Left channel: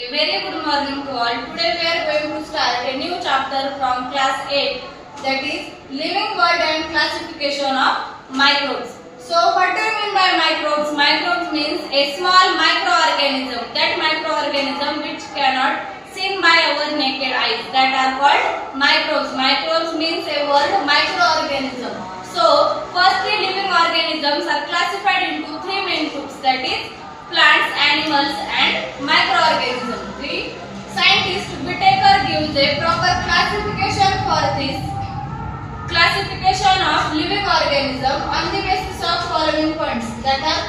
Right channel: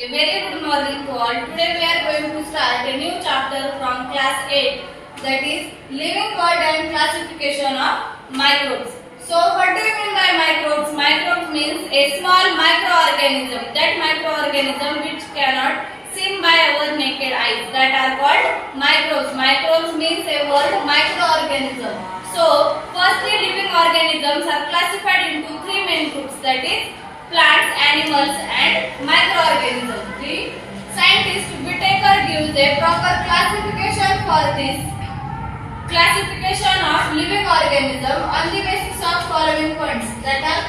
A very good morning to all. Today we are going to start a new chapter from class 8, that is living world and classification of microbes. So what do you mean by microbes? Microbes means a small microorganism. That microorganism which cannot seen by our naked eyes, that are called microbes. Microbes means a word microorganism. So firstly, living organisms are classified into three main groups, that is plants, animals and microorganisms. The scientist Whittaker gives a proper classification for this classification of living organism on the basis of following points, that are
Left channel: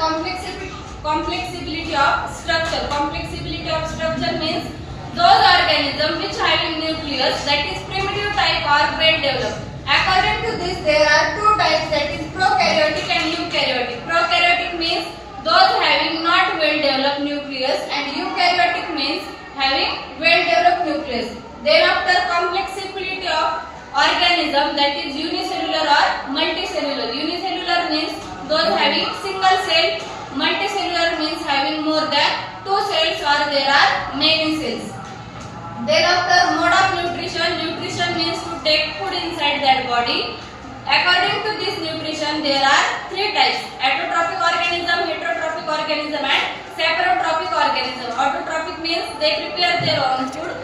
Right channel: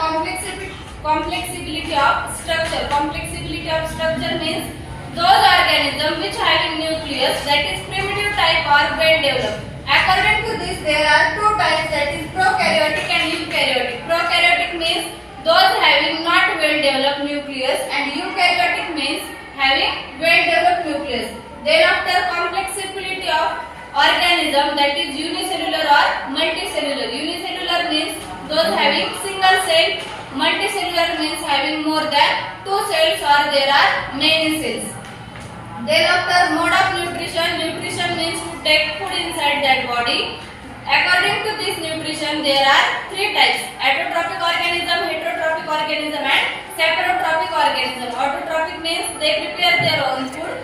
complexibility of structure. Complexibility of structure means those organisms which having nucleus, that is primitive type or well developed. According to this, there are two types, that is prokaryotic and eukaryotic. Prokaryotic means those having not well developed nucleus, and eukaryotic means having well developed nucleus. Then after complexibility of organism, that is unicellular or multicellular. Unicellular means those having single cell. Multicellular means having more than two cells or there are many cells. Then after mode of nutrition, nutrition means to take food inside that body. According to this nutrition, there are three types: autotrophic organism, heterotrophic organism and saprotrophic organism. Autotrophic means they prepare their own food.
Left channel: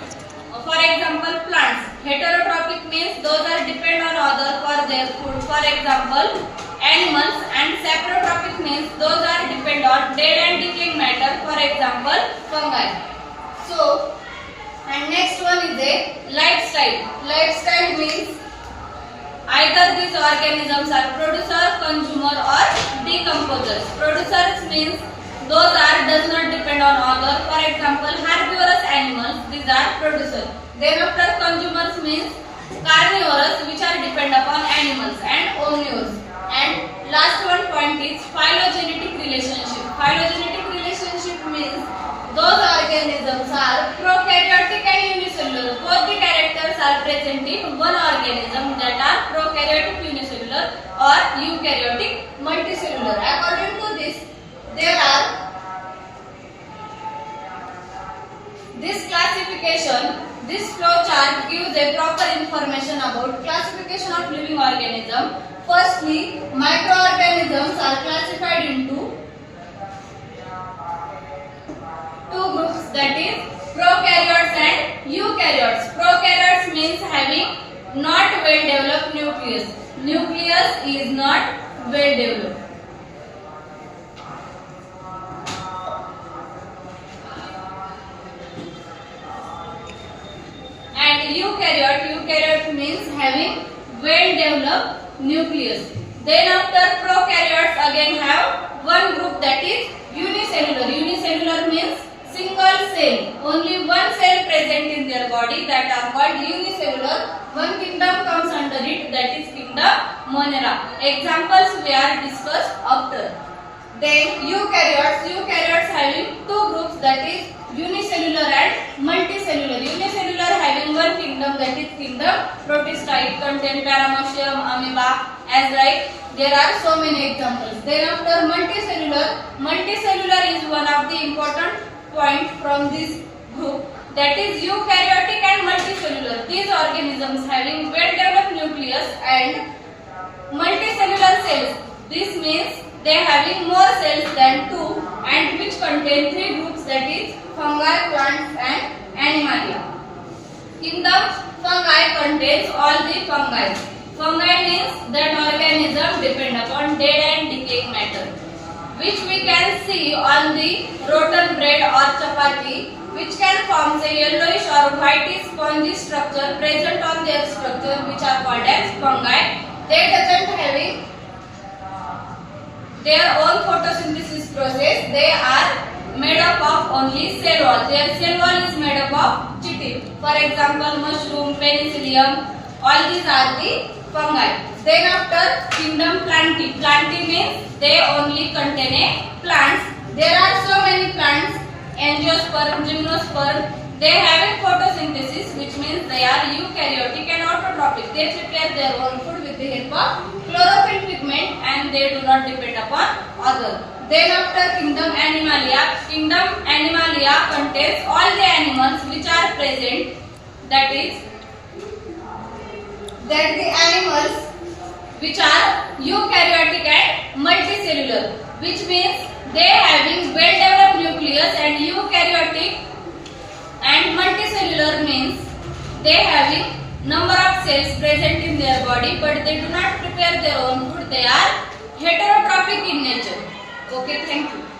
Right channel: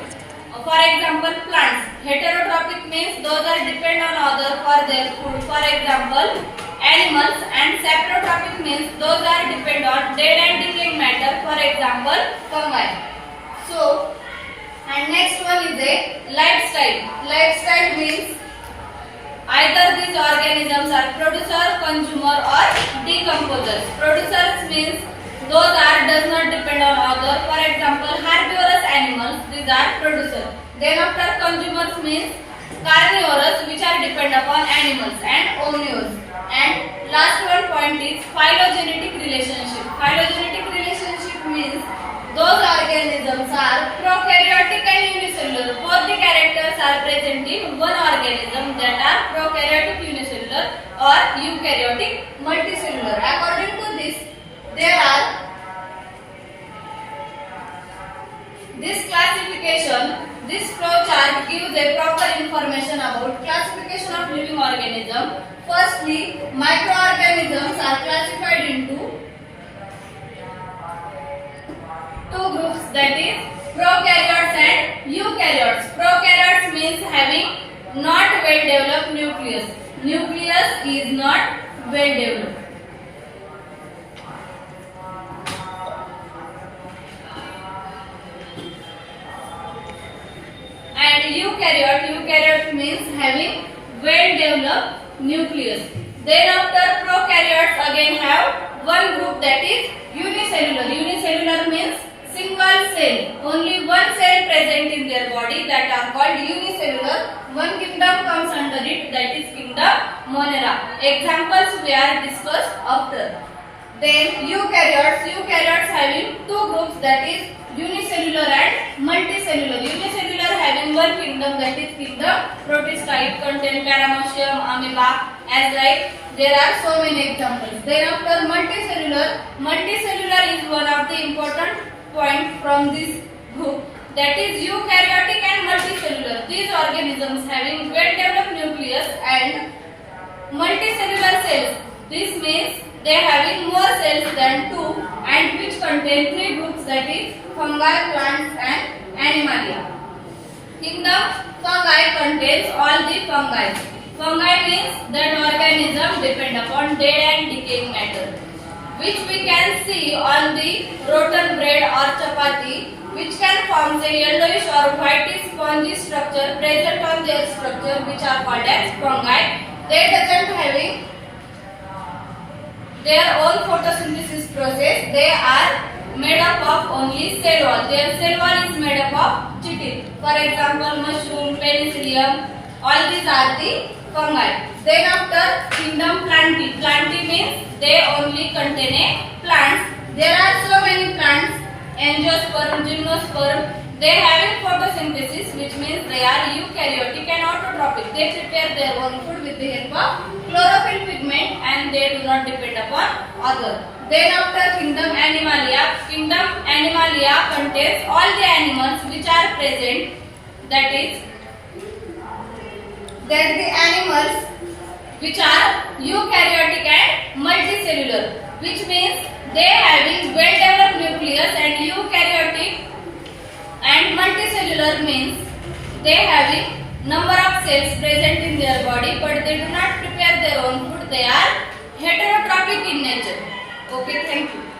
For example, plants. Heterotrophic means those are depend on other for their food. For example, animals. And saprotrophic means those are depend on dead and decaying matter. For example, fungi. So, and next one is a lifestyle. Lifestyle means either these organisms are producer, consumer or decomposers. Producers means those are does not depend on other. For example, herbivorous animals, these are producers. Then after consumers means carnivorous, which are depend upon animals, and omnivores. And last one point is phylogenetic relationship. Phylogenetic relationship means those organisms are prokaryotic and unicellular. Both the characters are present in one organism, that are prokaryotic unicellular or eukaryotic multicellular. According to this, there are this classification. This flow chart gives a proper information about classification of living organism. Firstly, microorganisms are classified into two groups, that is prokaryotes and eukaryotes. Prokaryotes means having not well developed nucleus. Nucleus is not well developed. And eukaryote means having well developed nucleus. Then after prokaryotes again have one group, that is unicellular. Unicellular means single cell, only one cell present in their body, that are called unicellular. One kingdom comes under it, that is kingdom Monera. Examples we are discussed after. Then eukaryotes having two groups, that is unicellular and multicellular. Unicellular having one kingdom, that is kingdom Protista. It contains paramecium, amoeba, as like there are so many examples. Then after multicellular is one of the important point from this group, that is eukaryotic and multicellular. These organisms having well developed nucleus and multicellular cells. This means they having more cells than two, and which contain three groups, that is fungi, plants and animalia. Kingdom fungi contains all the fungi. Fungi means that organism depend upon dead and decaying matter, which we can see on the rotten bread or chapati, which can form a yellowish or whitish spongy structure present on their structure, which are called as fungi. They doesn't having their own photosynthesis process. They are made up of only cell wall. Their cell wall is made up of chitin. For example, mushroom, penicillium, all these are the fungi. Then after kingdom Plantae. Plantae means they only contain a plants. There are so many plants: angiosperm, gymnosperm. They having photosynthesis, which means they are eukaryotic and autotrophic. They prepare their own food with the help of chlorophyll pigment, and they do not depend upon other. Then after kingdom Animalia. Kingdom Animalia contains all the animals which are present. That is, that the animals which are eukaryotic and multicellular, which means they having well developed nucleus, and eukaryotic and multicellular means they having number of cells present in their body, but they do not prepare their own food. They are heterotrophic in nature. Okay, thank you.